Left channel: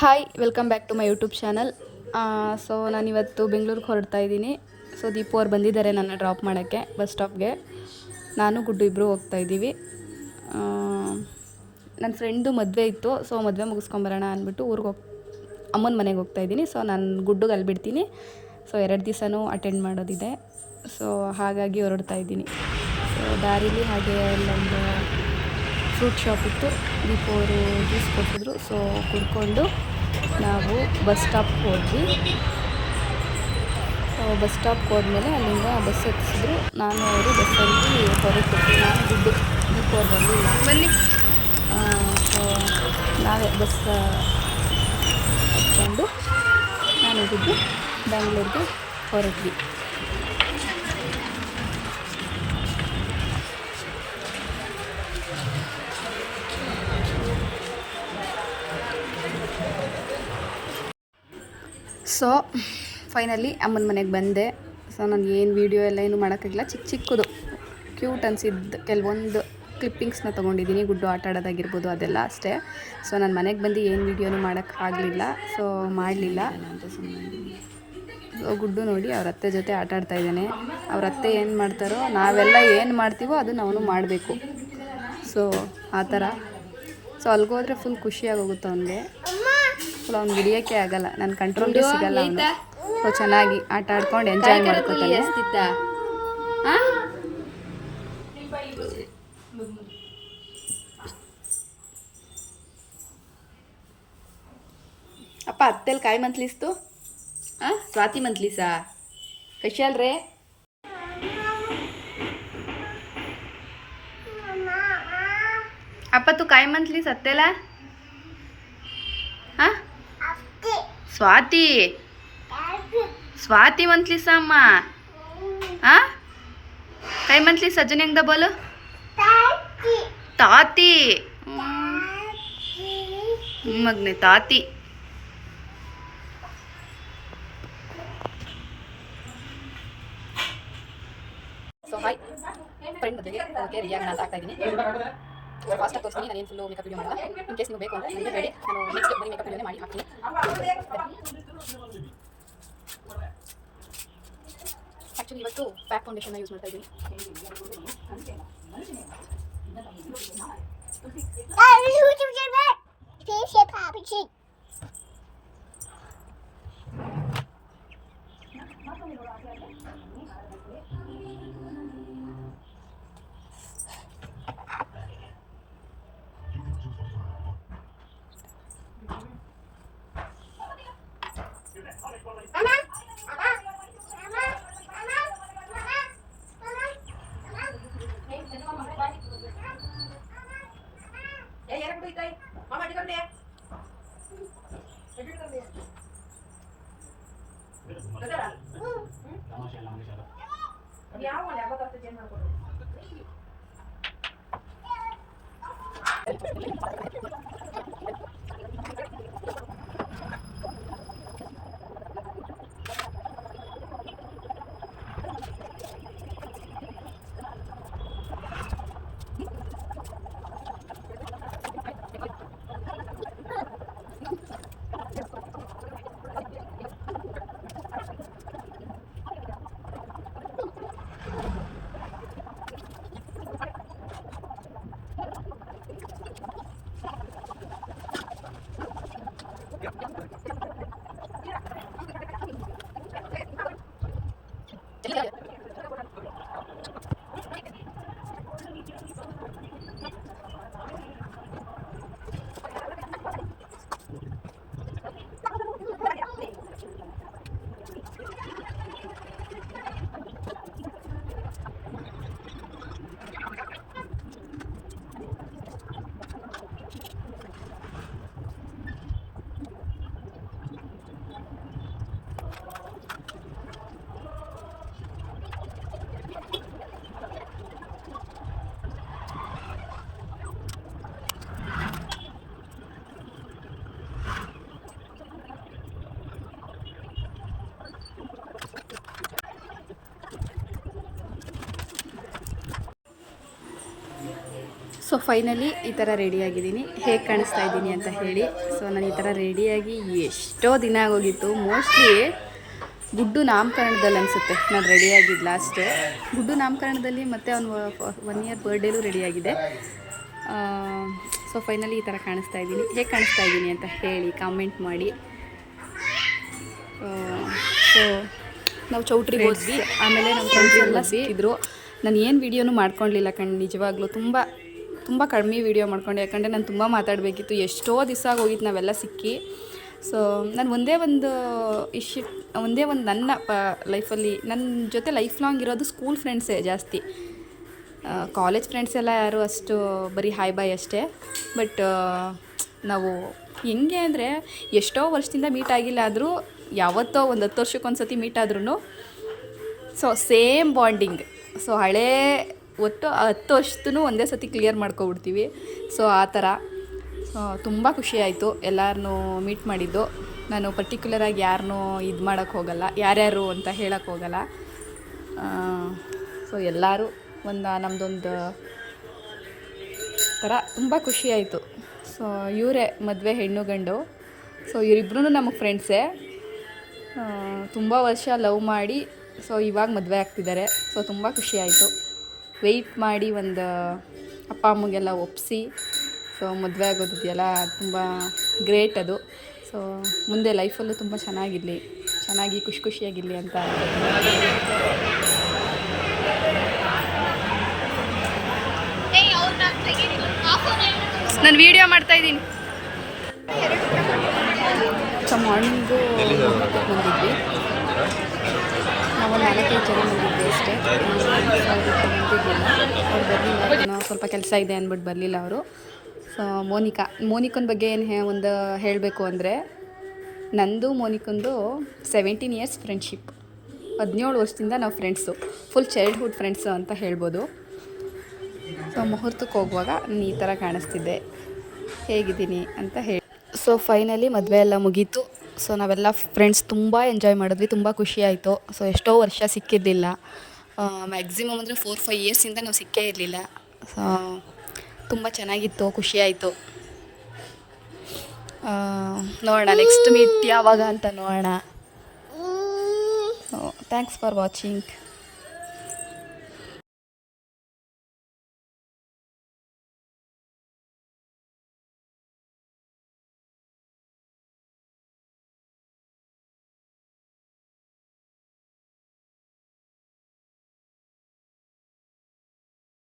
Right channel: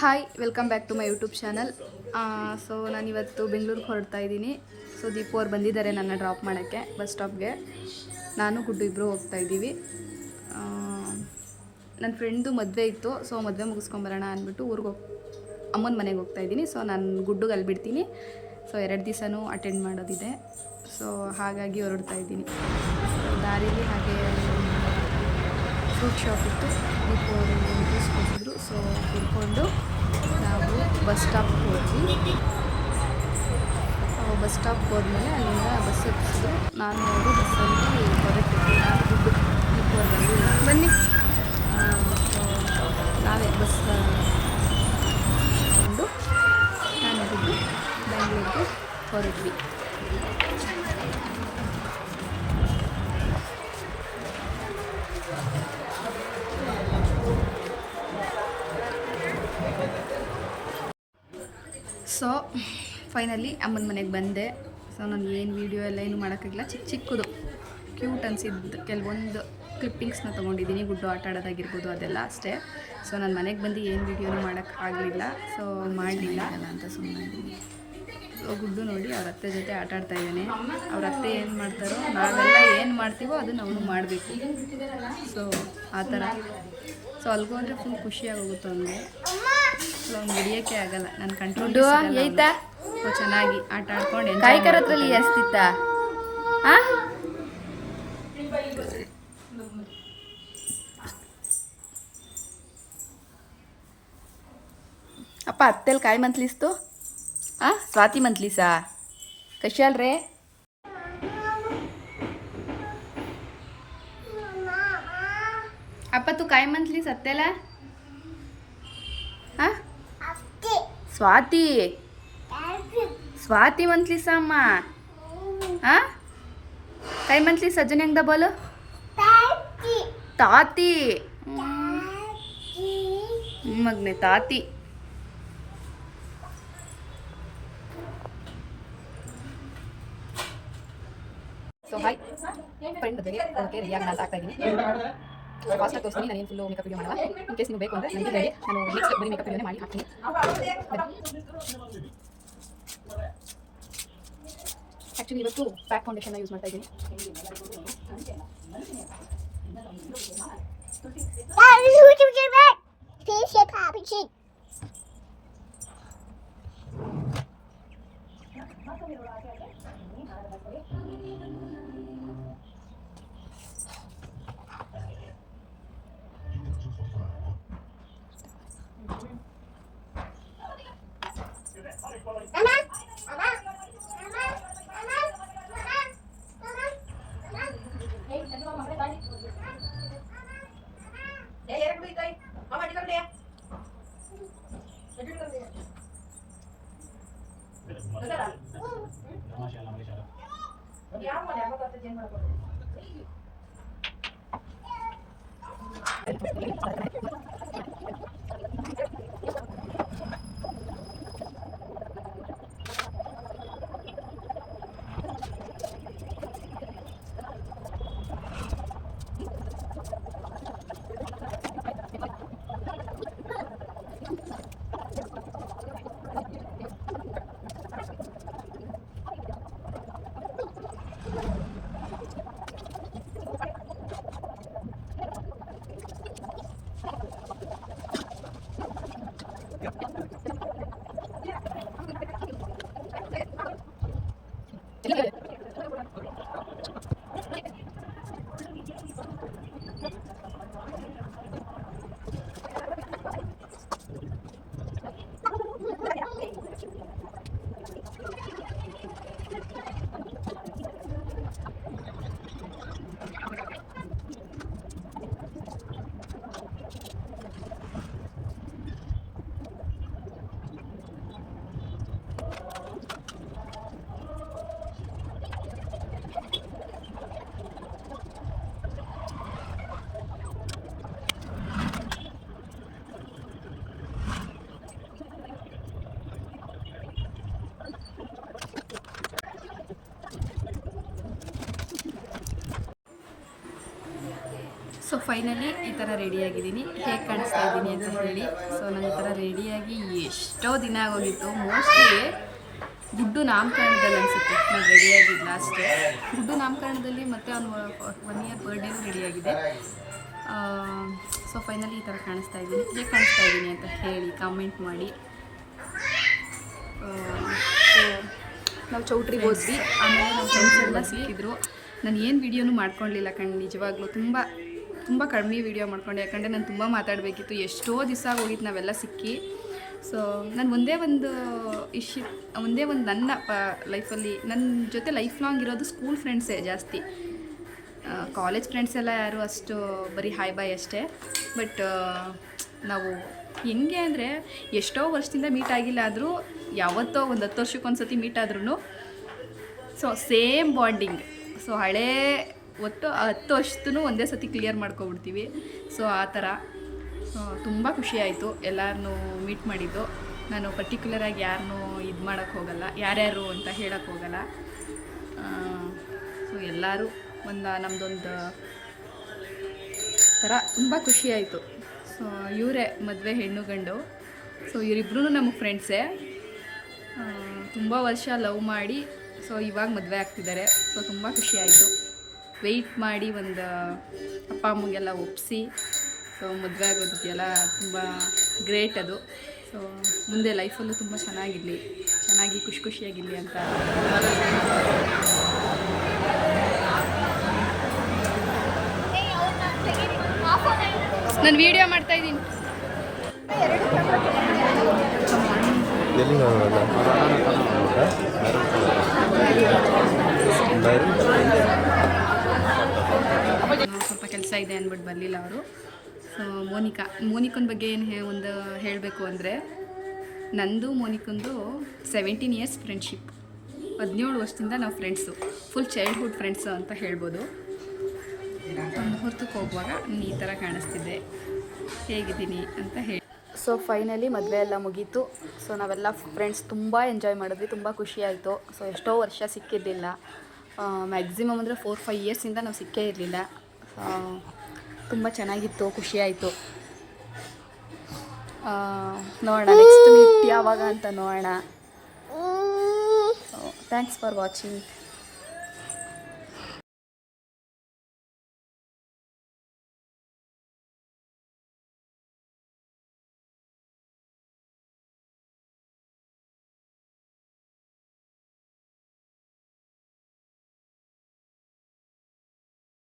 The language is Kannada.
Hi welcome back to my YouTube channel so ನಾನಿವತ್ತು ಬೆಂಗಳೂರಿಗೆ ಹೊರಡ್ತಾ ಇದ್ದೀನಿ. ಸೊ ದೀಪು ಅವ್ರು ಬಂದಿದ್ದಾರೆ ನನ್ನ ಡ್ರಾಪ್ ಮಾಡೋಕ್ಕೆ ಬಸ್ ಸ್ಟಾಪ್ಗೆ ನಾನು, ಗುಡ್ಡು ಇಬ್ಬರು ಹೋಗ್ತಾ ಇದ್ದೀವಿ. ನನ್ನ ಫ್ರೆಂಡು ಮದುವೆ ಇತ್ತು. ಸೊ ಮದುವೆ ಮುಗಿಸ್ಕೊಂಬರೋಣ ಅಂದ್ಬಿಟ್ಟು ಊರಿಗೆ ಹೋಗಿ, ಅಮ್ಮನ ಮನೆಗೆ ಹೋಗ್ತಾ ಇದ್ದೀನಿ. ಸೊ ನಾನು ಗುಡ್ಡುಗೆ ಅಲ್ಲಿ ಬಿಡ್ತೀನಿ ಸೊ ಎರಡು ದಿವಸನೂ ಅಟೆಂಡ್ ಮಾಡೋದಿದೆ. ಸೊ ಹಾಗಾಗಿ ಹೊರಡ್ತಾ ಇದ್ದೀನಿ. ದಾರಿಲಿ ಹಾಗೆ ಫ್ರೂಟ್ ಶಾಪ್ ಇತ್ತು. ದೀಪು ಸೊ ಕುತ್ಕೊಂಡು ನಾವು ಬಸ್ ಸ್ಟಾಪ್ಗೆ ಹೋದ್ವಿ. ಬಸ್ ಸ್ಟಾಪ್ ಹೋದ್ಮೇಲೆ ಅಲ್ಲಿಂದ ಬಸ್ ಹತ್ತಿಸಿದ್ರು ನಾನು ಅವರು ಬಸ್ಸಲ್ಲಿ ಹೊರಟು ನಾನು ದುಡ್ಡು ದೀಪು ಬನ್ನಿ. ಸೊ ನಾವೇ ಬಸ್ ಬಂದು ನಾನು ದುಡ್ಡು ಬ್ಯಾಂಗ್ಳೂರಿಗೆ ಹೊರಟ್ವಿ. ಸೊ ಫೈನಲಿ ಅಮ್ಮನ ಮನೆಗೆ ಬಂದೆ. ಸೊ ನಾನು ಏನು ವೀಡಿಯೋ ಎಲ್ಲ ಏನು ಮಾಡೋಕ್ಕಾಗಿಲ್ಲ. ಚಿಕ್ಕ ಚಿಕ್ಕದು ಕ್ಯೂಟ್ ಅನಿಸಿದ್ದು. ಕೆಲವೊಂದು ಕ್ಲಿಪ್ಪಿಂಗ್ಸ್ನ ತೊಗೊಂಡಿದ್ದೀನಿ. ಗುಡ್ಡು ಆಟ ಆಡೋದಾಗಿರ್ಬೋದು ಅದೆಲ್ಲ ಅಷ್ಟೇ. ಸೊ ನಾನು ಮನೆಗೆ ಬಂದು ಏನು ವೀಡಿಯೋನು ಮಾಡೋಕ್ಕಾಗಲಿಲ್ಲ ಸೊ ಮಾಡಲಿಲ್ಲ. ಅಂತ ಸುಮ್ಮನೆ ಸೊ ಗುಡ್ಡು ನೋಡಿ ಅವ್ರ ಅತ್ತೆ ಜೊತೆ ಆಟ ಆಡ್ತಾ ಇದ್ದಾನೆ. ಅವ್ರ ಅತ್ತೆ ಏನು ಮಾಡ್ತಾರೋ ನಾವೆಲ್ಲ ಏನು ಮಾಡ್ತೀವೋ ಅದನ್ನು ಅವನು ಮಾಡಬೇಕು. ಸೊ ಆ ಥರ. ಸೊ ಅಲ್ಗೋದ್ರೆ ಫುಲ್ ಖುಷಿಯಾಗೋಗುತ್ತೆ ಅವನಿಗೆ. ಸಲ ಅವ್ನು ಹಿಡಿಯೋಕ್ಕೆ ಆಗಲ್ಲ. ನನ್ನ ಕಂಟ್ರೋಲ್ ಚೆನ್ನಾಗಿ ಆಟ ಆಡ್ಕೊಂಡು ಎಂಜಾಯ್ ಕರತ್ರಲ್ಲಿ ಎಸ್ತಿತ್ತ ಅಪ್ಪ ಅತ್ತೆಲ್ ಕಾಯಿ ಮಂತ್ಲಿಸ್ತು ಆ ಸ್ವಾತಿ ಮಂತ್ಲಿಸ? ಕಶಾಲ್ ರೇ? ಅಪ್ಪ ತೂ ಕಾಯಿ ಮಂತ್ಲಿಸ್ ಅತ್ತೆಲ್ಲ ಹಾ ಸ್ವಾತಿ. ಸ್ವಾತಿ ಮಂತ್ಲಿಸ ಅಮ್ಮ ಹಾ ಕೈ ಮಂತ್ಲಿ ಸಜ್ಜನ ಹೆಂಗ ಬೋಲು? ತಾತಿ. ಮಗ್ನೆ ತಾತಿ. ಸೊ ಹಾಯ್ ಫ್ರೆಂಡ್ ಜೊತೆಗೆ ಓಕೆ ರಿಯಾಗಣ ಅಂತ ಆಗ್ತಾ ಇದ್ದೀನಿ. ನಾನು ಫಾಸ್ಟಾಗಿ ತೋರಿಸ್ತೀನಿ ನಾನೇನು ಫುಲ್ಲು ಮೇಕಪ್ ವೀಡಿಯೋ ಮಾಡಲ್ಲ ಇನ್ ಕೇಸ್ ನೀವು ಬೇಕು ಅಂದರೆ ನನಗೆ ಹೇಳಿ ನಾನು ನೆಕ್ಸ್ಟ್ ಬರೀ ಮೇಕಪ್ ವೀಡಿಯೋನೇ ಮಾಡಿ ಹಾಕ್ತೀನಿ ಆ್ಯಕ್ಚುಲಿ ಇವತ್ತು ಪ್ಯಾಕ್ ಫೌಂಡೇಶನ್ನ ಯೂಸ್ ಮಾಡ್ತಾ ಇದ್ದೀನಿ Thank. Bye-bye. ಸೊ ಫೈನಲಿ ಈ ಥರ ರೆಡಿಯಾಗಿದ್ದೀನಿ ಹೇಗೆ ಕಾಣಿಸ್ತಾ ಇದ್ದೀನಿ ಅಂತ ಹೇಳಿ. ಸೊ ನಾನು ಈ ಥರ ರೆಡಿಯಾಗಿ ಎಷ್ಟೋ ದಿನ ಆಗೋಗಿತ್ತು. ಮೋಸ್ಟ್ಲಿ ಗುಡ್ಡು ನಾಮಕರಣದಲ್ಲಿ ಅನಿಸುತ್ತೆ. ನಾನು ರೆಡಿಯಾಗಿದ್ದು ಲಾಸ್ಟು ಗುಡ್ಡು ನಾಮಕರಣದಲ್ಲಿ ಮತ್ತು ಅವನು ಒನ್ ಇಯರ್ ಬರ್ಡೇಲೂ ರೆಡಿಯಾಗಿದೆ ಸೊ ಫೈನಲಿ ಈ ಥರ ಕಾಣಿಸ್ತಾ ಇದ್ದೀನಿ. ಹೇಗೆ ಕಾಣಿಸ್ತಾ ಇದ್ದೀನಿ ಅಂತ ಹೇಳಿ ಕಾಮೆಂಟ್ ಮಾಡಿ. ಸೊ ನಾವು ಚೌಟ್ರಿ ಹೋದ್ವಿ. ಆಮೇಲೆ ನಾವು ಚೌಟ್ರಿ ಇದ್ದರು ನಾನು ಏನು ವಿಡಿಯೋನು ಮಾಡ್ಕೊಳ್ಲಿಲ್ಲ ಕಣ್. ನಿಜವಾಗ್ಲೂ ತುಂಬ ತುಂಬ ಕಡಿಮೆ ವೀಡಿಯೋ ಮಾಡ್ಕೊಂಡೆ, ಯಾಕಂದರೆ ನಾನು ತುಂಬ ಮಾತಾಡಬೇಕಿತ್ತು. ಎಷ್ಟೋ ದಿವಸ ಆಗೋಗಿತ್ತು, ನಾವೆಲ್ಲ ಸಿಕ್ಕಿ. ಸೊ ನಾನು ಒಂದೇ ಒಂದು ಇಶ್ಯೂ ಒಂದೇ ಒಂದು ನನ್ನ ಲೈಫಲ್ಲಿ ನನ್ನ ಜೊತೆ ಲೈಫ್ ಲಾಂಗ್ ಇರೋದು ಸ್ಕೂಲ್ ಫ್ರೆಂಡ್ಸೇ ಜಾಸ್ತಿ. ಕಾಲೇಜ್ ಫ್ರೆಂಡ್ಸ್ ಎಲ್ಲ ಯಾರು ಅಷ್ಟು ಬರೀ ಹಾಯ್ ಬಾಯ್ ಅಷ್ಟೇ. ಬಟ್ ನಾವು ಹೆಂಗೆ ಅಂದರೆ, ಎಷ್ಟೋ ವರ್ಷದಿಂದ ಮೀಟ್ ಆಗಿಲ್ಲ ಆದರೂ, ಯಾವತ್ತೋ ಒಂದು ಹತ್ತು ವರ್ಷಕ್ಕೊಂದು ಸತಿ ಮೀಟ್ ಆದ್ರೂ ಸೊ ಸೇಮ್ ಬಾಂಡಿಂಗ್ ಸೊ ಹಳೇ ಒಟ್ಟು ಹತ್ತು ವರ್ಷದೂ ಒಂದೇ ಸತಿ ಕ್ಲಿಯರ್ ಮಾಡ್ಕೊಬಿಡ್ತೀವಿ. ಸೊ ಆ ಥರ ತುಂಬ ಖುಷಿಯಾಯಿತು ಎಲ್ಲರನ್ನೂ ಮೀಟ್ ಮಾಡಿದ್ದು. ನಾನು ಪರ್ಟಿಕ್ಯುಲರಾಗಿ ಯಾರನ್ನೂ ಇದು ಮಾಡೋಕ್ಕೆ ಹೋಗಲ್ಲ, ಯಾರ್ಯಾರು ಅಂತ ಹೇಳೋಕ್ಕೆ ಹೋಗಲ್ಲ. ಸೊ ಎಲ್ಲರೂ ಒಂದು ನಮ್ಮದೊಂದು ಥರ ತುಂಬ ಖುಷಿಯಾಯಿತು ಸೊ ಇವರೇ ಮದುವೆ ಹೆಣ್ಣು ಗಂಡು. ಸೊ ಇವರಿಬ್ರು ನಮಗೆ ಫ್ರೆಂಡ್ಸೇ ತುಂಬ ವರ್ಷ ಲವ್ ಮಾಡಿ ಸೊ ಇವಾಗ ಮದುವೆ ಆಗ್ತಿದ್ದಾರೆ. ಸೊ ತುಂಬ ಖುಷಿಯಾಯಿತು ವೆಯ್ಟ್ ಮಾಡಿ ಒಂದು ಅಪ್ಪ ಅಮ್ಮಗೆಲ್ಲ ಒಪ್ಪಿಸಿ ಸೊ ಮದುವೆ ಆಗೋದಿದೆಯಲ್ಲ ತುಂಬ ಗ್ರೇಟ್ ಅದು. ಸೊ ಮುಂದೆ ಲೈಫಲ್ಲೂ ತುಂಬ ಚೆನ್ನಾಗಿರಲಿ. ಚೆನ್ನಾಗಿ ಖುಷಿ ಖುಷಿಯಾಗಿರಲಿ ಅಂತ. ನಾನು ವಿಡಿಯೋ ಮಾಡ್ತಾ ಇದ್ದೀನಿ ಮಾರ್ನಿಂಗು ನಾವು ಸ್ವಲ್ಪ ಕೆಲಸ ಇದೆ ಅಂದ್ಬಿಟ್ಟು ಬರಲಿಲ್ಲ ಅವರು. ಸೊ ಮೋನಿಕಾ, ಮೋನಿಕನ ಬಗ್ಗೆ ಏನು ಹೇ ಒಂದು ಹೇಳಬೇಕು ಅಂದರೆ, ನಂದು ಮೋನಿಕಂದು ಸೆವೆಂಟೀನ್ ಇಯರ್ಸ್ ಫ್ರೆಂಡ್ಶಿಪ್ ಹದಿನೇಳು ವರ್ಷದಿಂದ ನಾವು ಫ್ರೆಂಡ್ಸು ಫುಲ್ ಚೈಲ್ಡ್ಹುಡ್ ಫ್ರೆಂಡ್ಸು ಅಂತ ಹೇಳ್ಬೋದು. ಸೊ ಮುಹೂರ್ತಕ್ಕೆ ಹೋಗುವಾಗ ನೀನು ಈ ಥರ ಕಾಣಿಸ್ತಿದ್ದೆ. ಹೇಗಿದ್ದೀನಿ ಅಂತ ಹೇಳಿ. ಸೊ ಫೈನಲಿ ಮದುವೆ ಎಲ್ಲ ಮುಗೀತು. ಸೊ ನಾವೆಲ್ಲ ಫ್ರೆಂಡ್ಸ್ ತುಂಬ ಎಂಜಾಯ್ ಮಾಡಿದ್ವಿ, ತುಂಬ ಖುಷಿ ಆಯಿತು. ಸೊ ಎಷ್ಟೋ ವರ್ಷ ಸಿಕ್ಕಿರಲಿಲ್ಲ. ಮ್ಯಾಕ್ಸಿಮಮ್ ಅಂದರೆ ಫೋರ್ ಫೈವ್ ಇಯರ್ಸಿಂದ ನಾವು ಸಿಕ್ಕೇ ಇರಲಿಲ್ಲ. ಸೊ ತುಂಬ ಚೆನ್ನಾಗಿತ್ತು ಖುಷಿಯಾಯಿತು ನೋಡೋಣ ನೆಕ್ಸ್ಟ್ ಮೀಟ್ ಯಾವಾಗ ಅಂತ ನೋಡೋಣ. Thanks for watching